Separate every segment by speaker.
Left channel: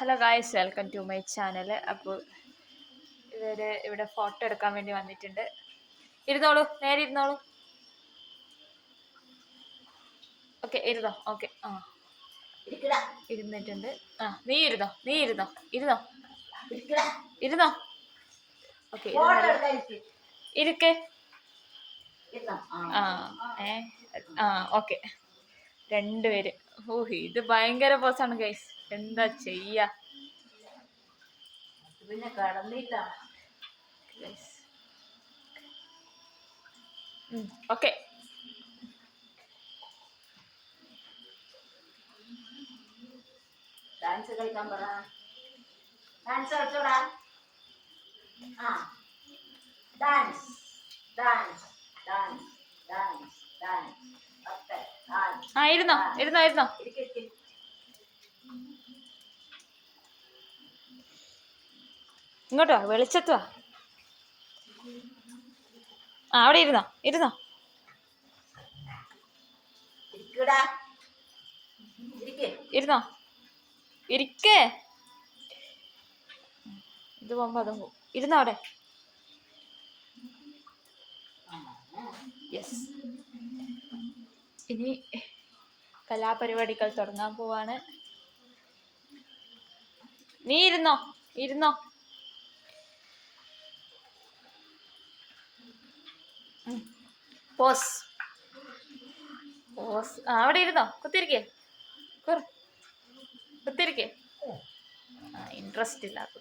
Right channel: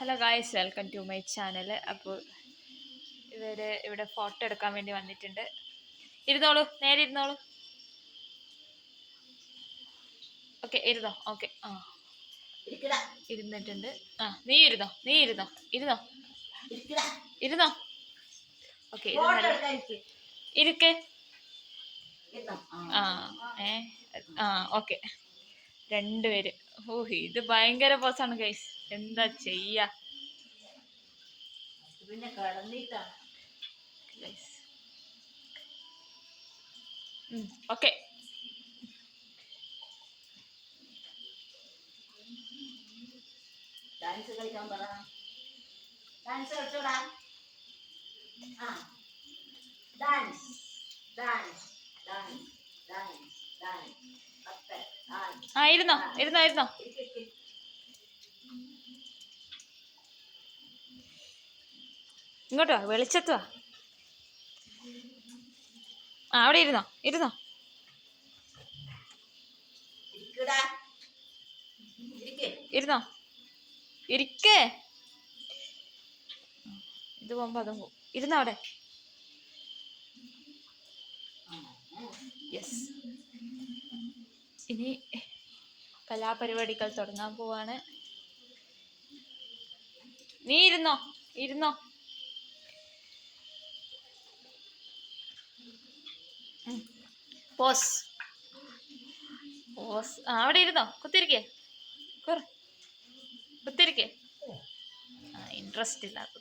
Speaker 1: Hello guys welcome to my channel അപ്പോൾ ഇവർ ഇവിടെ ഫോട്ടോ എടുക്കാൻ വേണ്ടി വന്നിട്ടുണ്ട്. ഇരുന്നോളൂ നേരെ ഇരുന്നോളൂ. ഓക്കെ ഇരുന്നോ? ഓക്കെ ആ. ഇരുന്നിട്ടുണ്ട്. ആ നീ ഇരുന്നോ? നീ ഇരുന്നോ? ഇരുന്നോ. ഇരുന്നോ? ഓക്കെ
Speaker 2: ഇരിക്ക്.
Speaker 1: ആ. ഏ ആ ഓക്കെ രണ്ടുപേര്. ഓ ഇത് ഭയങ്കര പോസാണ് ഗൈസ് എന്താ ചെയ്യാ?
Speaker 2: പിന്നെ കടന്നിട്ടാണ്
Speaker 1: ഗൈസ് ഓക്കെ
Speaker 2: ഡാൻസ് കളിക്കാൻ പറ. ഡാൻസ് കളിച്ചോടാ. ആ. ഡാൻസ് ഡാൻസ് ഡാൻസ് ഡാൻസ് ഒക്കെ ഡാൻസ്
Speaker 1: ആ ഇരുന്നോ ഇരുന്നോ ഇരുന്നോ. ഇങ്ങോട്ടോ വെളിച്ചത്ത് ആ അവിടെ ഇരുന്നോ ഇരുന്നോ. ഇരുന്നോ. ഇരിക്കേ. ഇത് പോകുമ്പോ അതും പോകും. ഇരുന്നോ അവിടെ? യെസ് ഇനി കലാപരിപാടികൾ തുടങ്ങാൻ പോവാണ്. നീ ഇരുന്നോ? ഇരുന്നോ? പോസ്. പോസ്. അവിടെ ഇരുന്നോ? കുത്തിരിക്കേ കുറ കുത്തിരിക്കേ ഇൻട്രസ്റ്റ് ഇല്ലാത്ത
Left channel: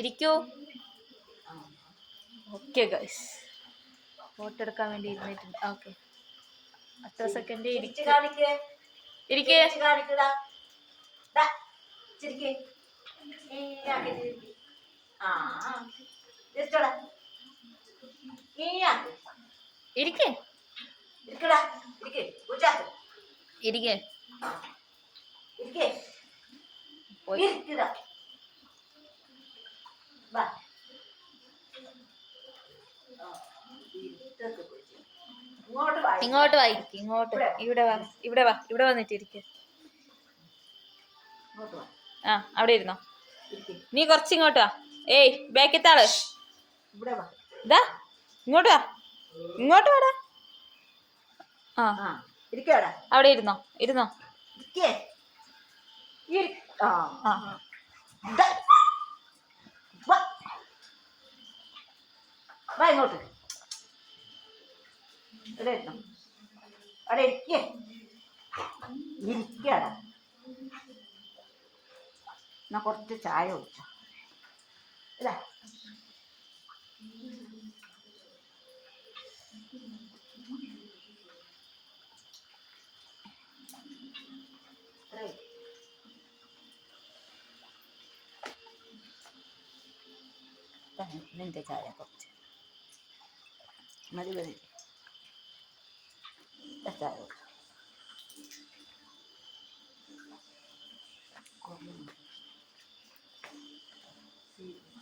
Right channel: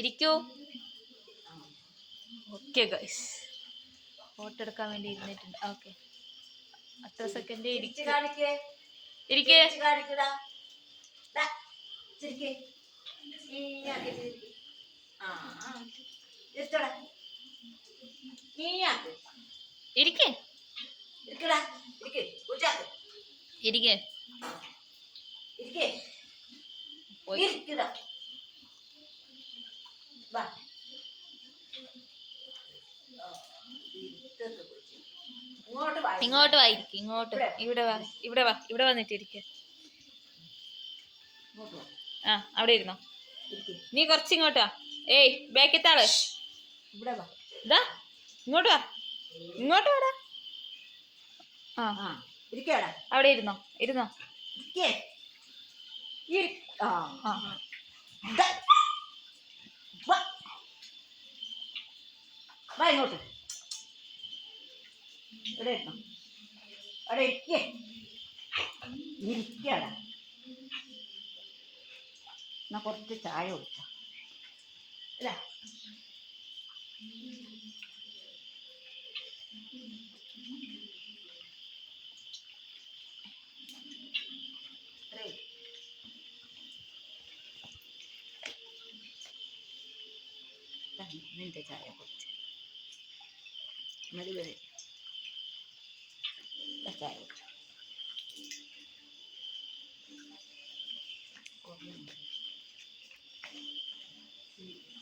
Speaker 1: ഇരിക്കൂ. ഓക്കെ ഗൈസ് ഫോട്ടോ എടുക്കാൻ വേണ്ടി ഇരുന്നിട്ടുണ്ട്. ഓക്കെ അത്ര സെക്കൻഡ് ഇരിക്കേ. ഇരിക്കേ. ഇരിക്കേ.
Speaker 2: ഇരിക്കേ.
Speaker 1: ഇരിക്കേ. പോയി.
Speaker 2: വാ. ഇങ്ങോട്ട് വാ
Speaker 1: ഇങ്ങോട്ട് ഇവിടെ വാ. ഇവിടെ വാ ഇവിടെ വന്നിട്ട് ഇരിക്ക്. ആ അവിടെ ഇരുന്നോ. നീ കുറച്ച് ഇങ്ങോട്ട് വാ. ഏയ്
Speaker 2: ബാക്കിത്താൾ.
Speaker 1: ഇതാ ഇങ്ങോട്ട് വാ. ഇങ്ങോട്ട് വാടാ. ആ. അവിടെ. ഇരുന്നോ ഇരുന്നോ.
Speaker 2: ആ. ഇങ്ങോട്ട്. ഇവിടെ ഇരുന്നോ അവിടെ ഇരിക്കേ എന്നാ കുറച്ച് ചായ കുടിച്ചോ. ദാ നിന്റെ ചായ കുറച്ച്. മതി മതി. ദാ ചായ കുടിച്ചോ. ഉം.